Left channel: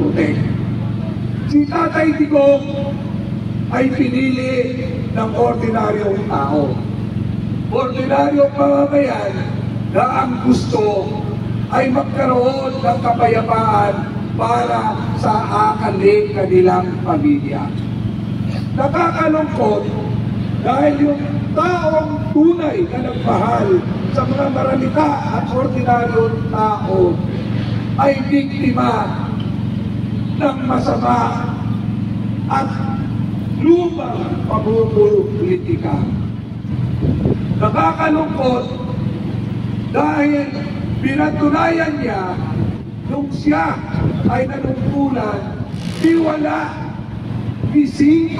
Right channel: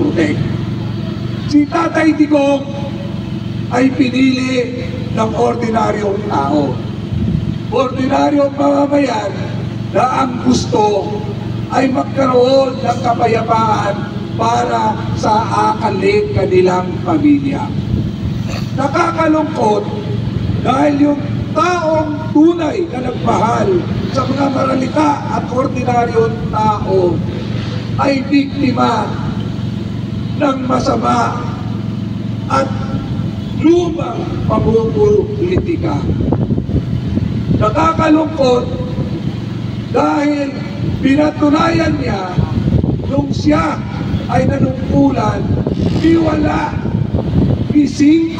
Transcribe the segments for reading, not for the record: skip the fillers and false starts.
protect. Si Tatay Digong ay pinili ng ordinaryong tao. Ordinaryong mamamayan na ang gusto ay magkaroon ng kapayapaan para sa kanilang pamilya. Nakakalungkot dahil yung taong tunay na nagmahal sa mga maralita at ordinaryong tao ay biktima ng masama at lumang pamumulitika. Nakakalungkot dahil pinatunayan niya nung siya ay nanungkulan, di wala, di 5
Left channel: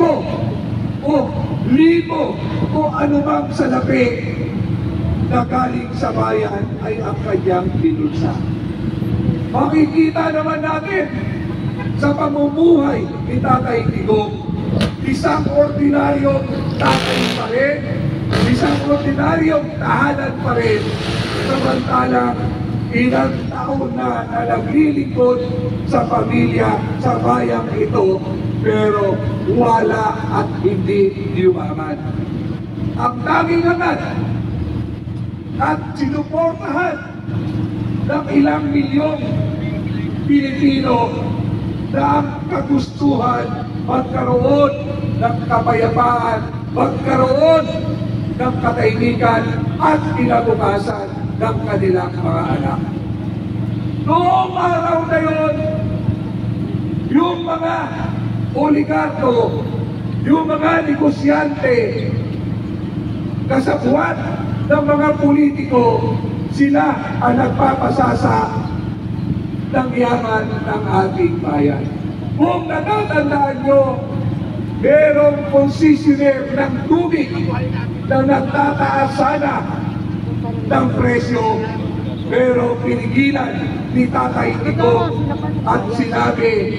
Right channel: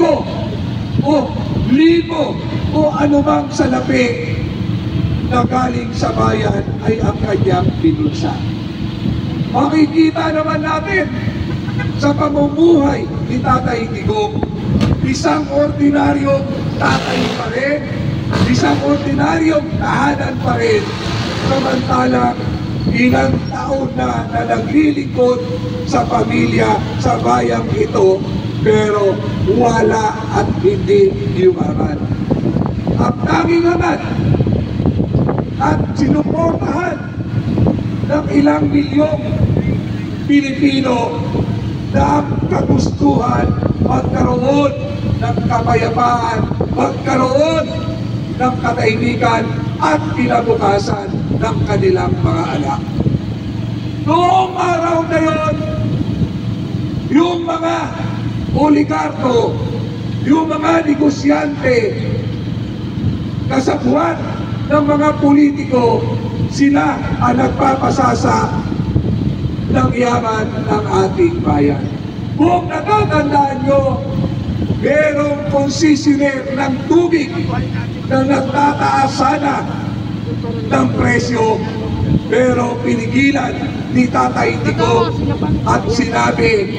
o 1,000 o anumang salapi na galing sa bayan ay ang kanyang binunsa. Makikita naman natin sa pamumuhay ni Tatay Digong, isang ordinaryong tatay pa rin, isang ordinaryong tahanan pa rin, samantalang ilang taon na naglilingkod sa pamilya sa bayang ito, pero wala at hindi yumaman. Ang tanging naman at sinuportahan ng ilang milyong Pilipino na ang kagustuhan magkaroon ng kapayapaan, magkaroon ng katahimikan at kinabukasan ng kanilang mga anak. Noong araw na yon, yung mga oligarko, yung mga negosyante, kasabuan ng mga politiko, sila ang nagpapasasa ng yaman ng ating bayan. Kung natatandaan nyo, merong concessionaire ng tubig na nagtataas sana ng presyo, pero pinigilan ni Tatay Digong at sinabi,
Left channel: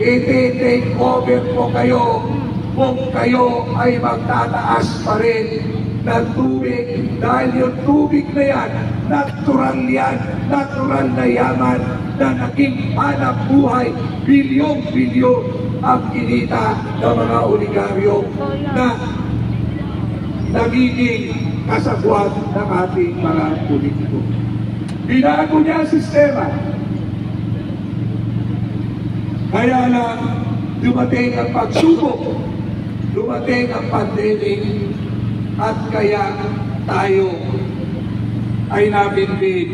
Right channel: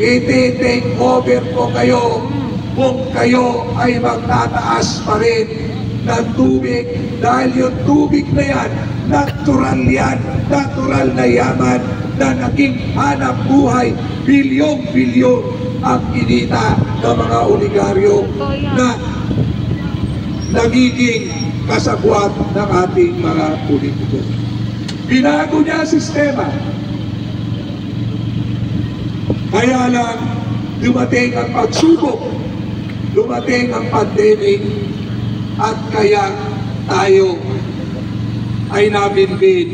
i-take over po kayo kung kayo ay magtataas pa rin ng tubig, dahil yung tubig na yan, natural na yaman na naging hanap buhay, bilyong-bilyon ang kinita ng mga oligaryo na nagiging kasabwat ng ating mga politiko. Binago niya ang sistema. Kaya lang dumating ang pagsubok, dumating ang pandemic, at kaya tayo ay nabinbin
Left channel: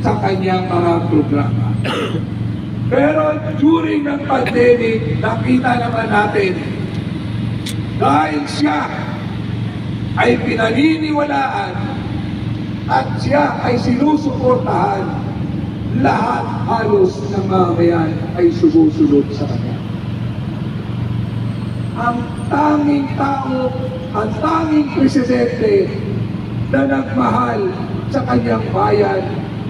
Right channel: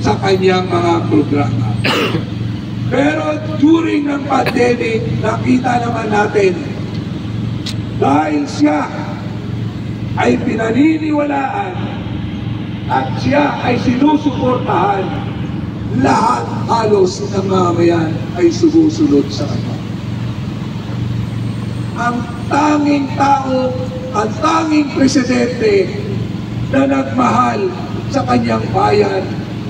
sa kanyang mga programa. Pero during ng pandemic, nakita naman natin dahil siya ay pinaniniwalaan at siya ay sinusuportahan, lahat halos ng mamayan ay sumusunod sa kanya. Ang tanging tao, ang tanging presidente na nagmahal sa kanyang bayan,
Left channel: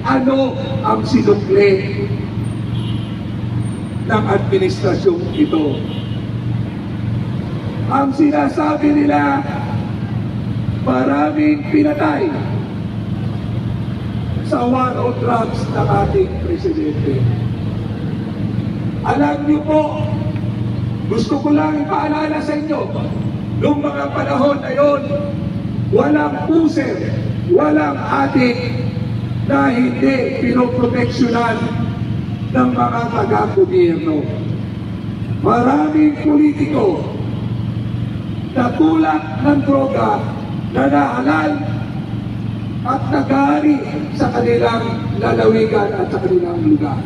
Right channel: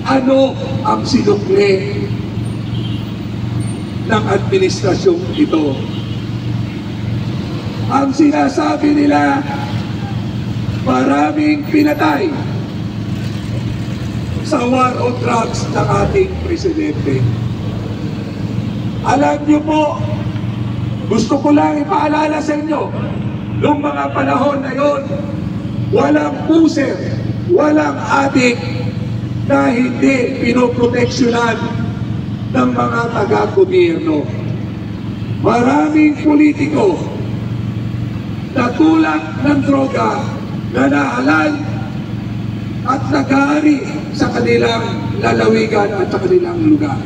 ano ang sinukli ng administrasyong ito? Ang sinasabi nila, maraming pinatay sa war on drugs ng ating presidente. Alam niyo po, gusto ko lang ipaalala sa inyo, noong mga panahon na yon, walang user, walang adik na hindi pinoproteksyonan ng mga taga-gobyerno. Maraming politiko na tulak ng droga na nahalal at nagari sa kanilang lalawigan at sa kanilang lugar.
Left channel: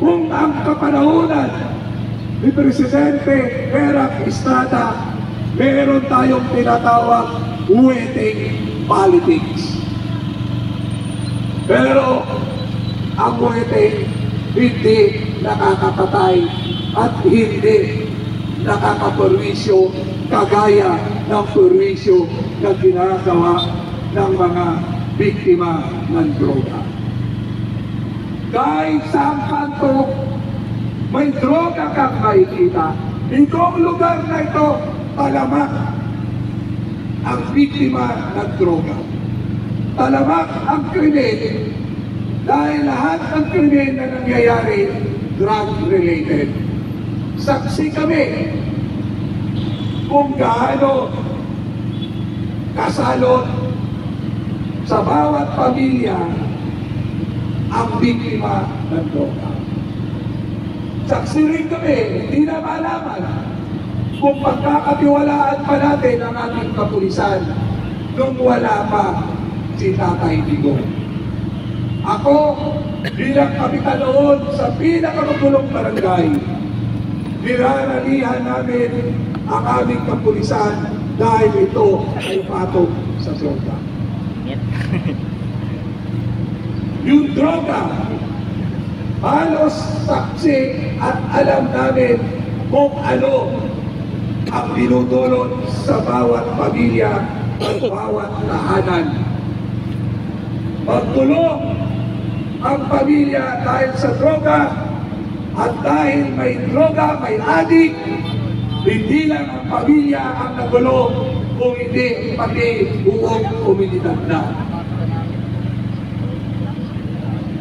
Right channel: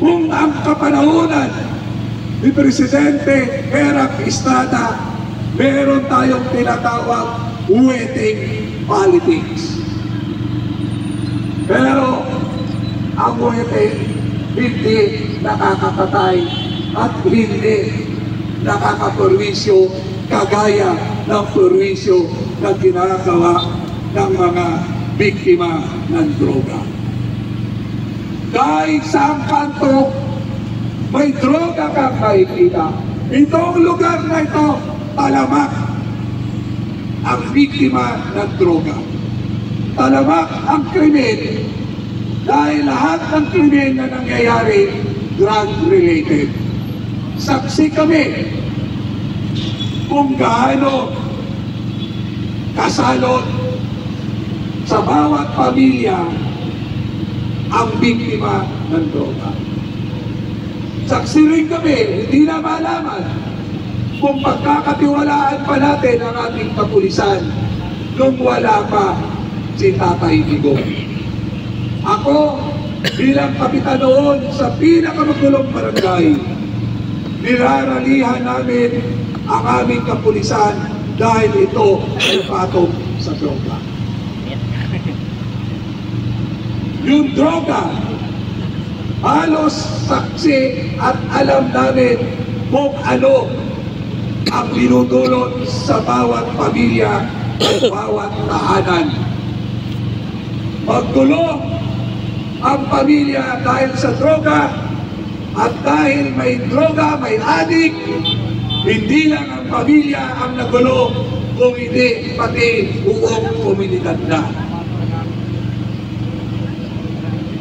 Kung ang kapanahonan ni Presidente Erap Estrada, meron tayong tinatawag wetting politics. Pero ang wetting hindi nakakapatay at hindi nakakaperwisyo kagaya ng perwisyo na ginagawa ng mga biktima ng droga. Kahit sa kanto may droga kang makikita, itong lugar na ito, talamak ang biktima ng droga. Talamak ang krimen Dahil lahat ng krimen na nangyayari, drug-related. Saksi kami kung gaano kasalot sa bawat pamilya ang biktima ng droga. Saksi rin kami, hindi na malaman kung pagkakatiwalaan pa natin ang ating kapulisan nung wala pa si Tatay Digong. Ako, bilang kapitan noon sa pinakamagulong barangay, niraralihan namin ang aming kapulisan dahil ito ay patong sa droga. Yung droga, halos saksi at alam namin kung ano ang binudulot sa bawat pamilya at bawat tahanan. Magkulong ang pamilya dahil sa droga at dahil may droga, may adik, hindi lang ang pamilya ang nagulo, kung hindi pati buong komunidad na.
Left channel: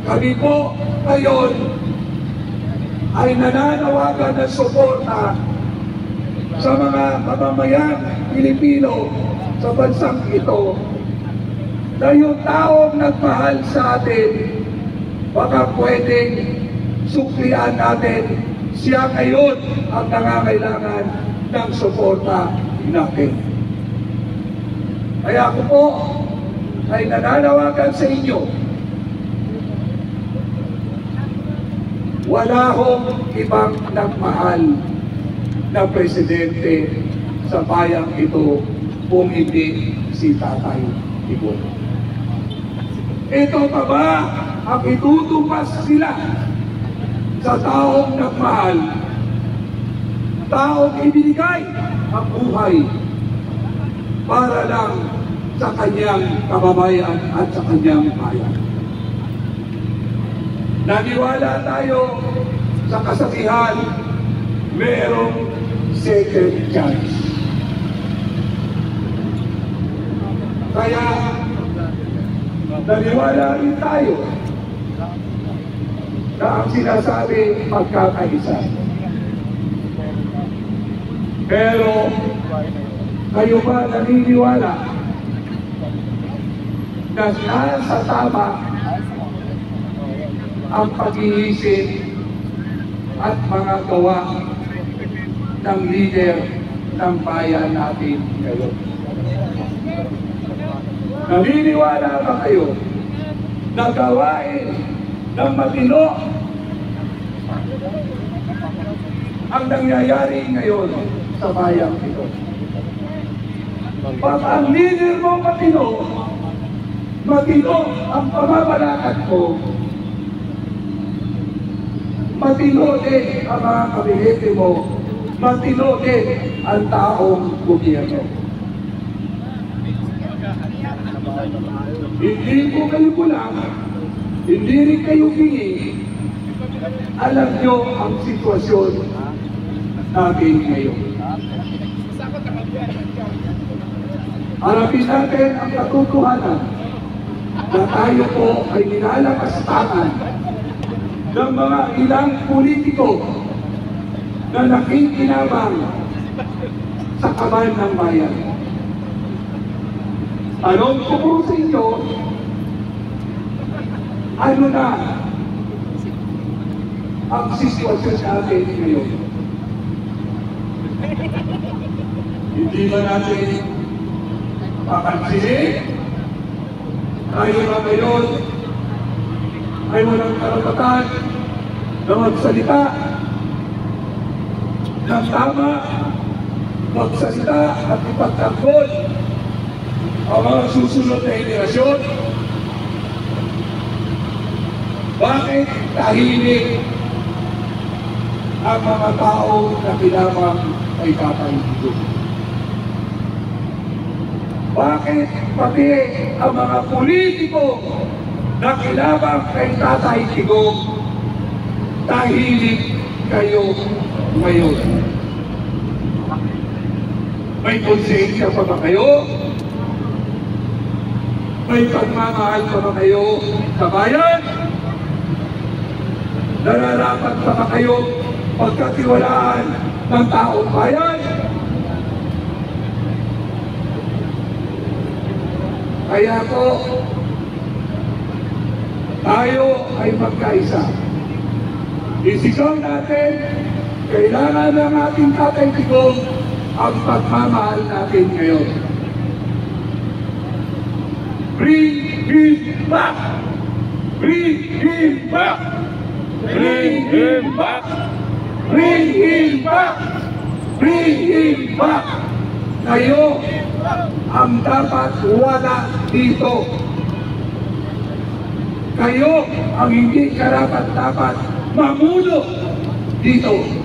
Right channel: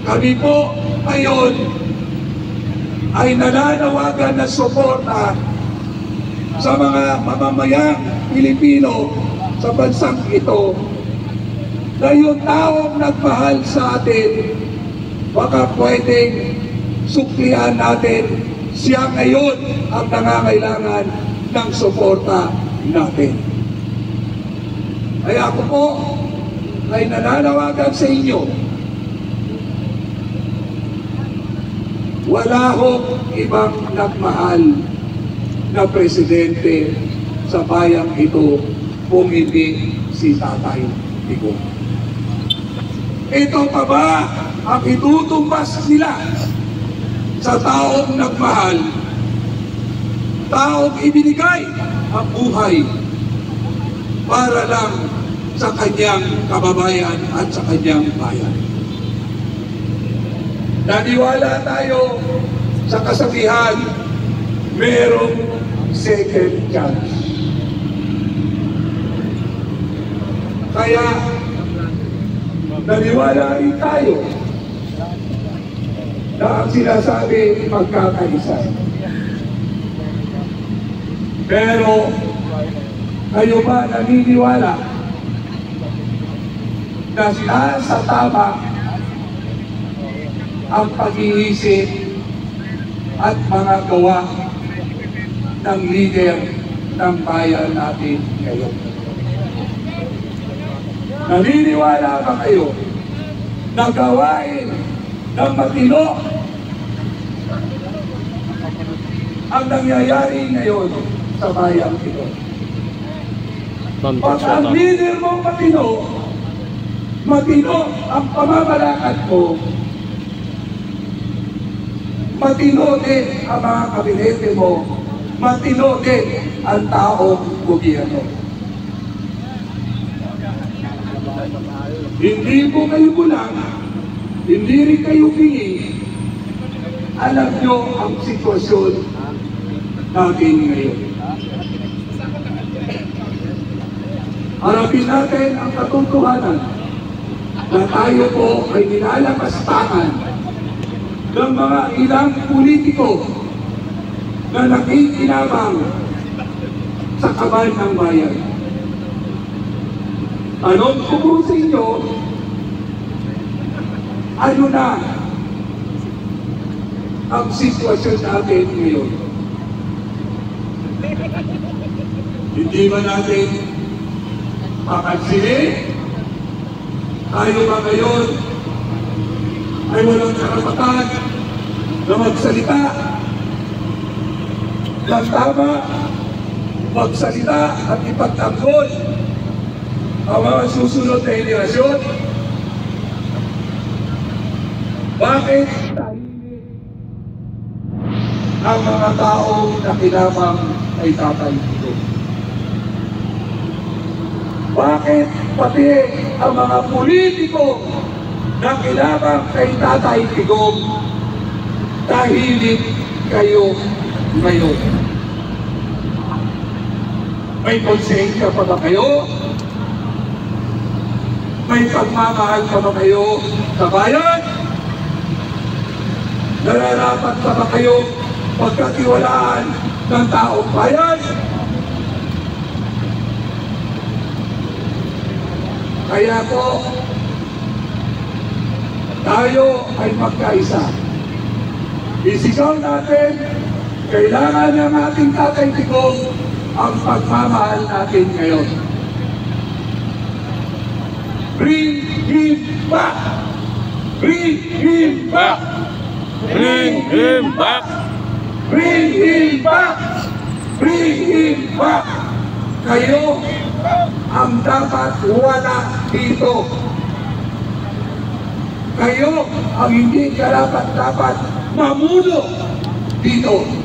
Kami po ngayon ay nananawagan na suporta sa mga mamamayang Pilipino sa bansang ito na yung taong nagmahal sa atin baka pwedeng suklian natin siya ngayon ang nangangailangan ng suporta natin. Kaya ako po ay nananawagan sa inyo, wala hong ibang nagmahal na presidente sa bayang ito kung hindi si Tatay Digong. Ito pa ba ang itutumbas sila sa taong nagmahal, taong ibinigay ang buhay para lang sa kanyang kababayan at sa kanyang bayan? Naniwala tayo sa kasabihan, merong second chance. Kaya naniwala rin tayo na ang sinasabi pagkakaisa. Pero kayo ba naniniwala na sa tama ang pag-iisip at mga gawa ng leader ng bayan natin ngayon? Naniniwala ba kayo na gawain ng matino ang nangyayari ngayon sa bayang ito? Pag ang leader mo matino, matino ang pamamalakad mo, matino din ang mga kabinete mo, matino din ang taong gobyerno. Hindi po kayo kulang, hindi rin kayo pingi. Alam nyo ang sitwasyon natin ngayon. Harapin natin ang katotohanan na tayo po ay nilalapastangan ng mga ilang politiko na nakikinabang sa kamay ng bayan. Tanong ko po sa inyo, ano na ang sitwasyon natin ngayon? Hindi ba natin papansinin? Tayo ba ngayon ay walang karapatan na magsalita ng tama, magsalita at ipagtanggol ang mga susunod na henerasyon? Bakit tahimik ang mga taong nakinabang kay Tatay Digong? Bakit pati ang mga politiko nakinabang kay Tatay Digong tahimik kayo ngayon? May konsensya pa ba kayo? May pagmamahal pa ba kayo sa bayan? Nararapat pa ba kayo pagkatiwalaan ng taong bayan? Kaya po, tayo ay magkaisa. Isigaw natin, kailangan ng ating kakaibigong ang pagmamahal natin ngayon. Bring him back! Bring him back! Bring him back! Bring him back! Bring him back! Kayo ang dapat wala dito. Kayo ang hindi karapat-dapat mamuno dito.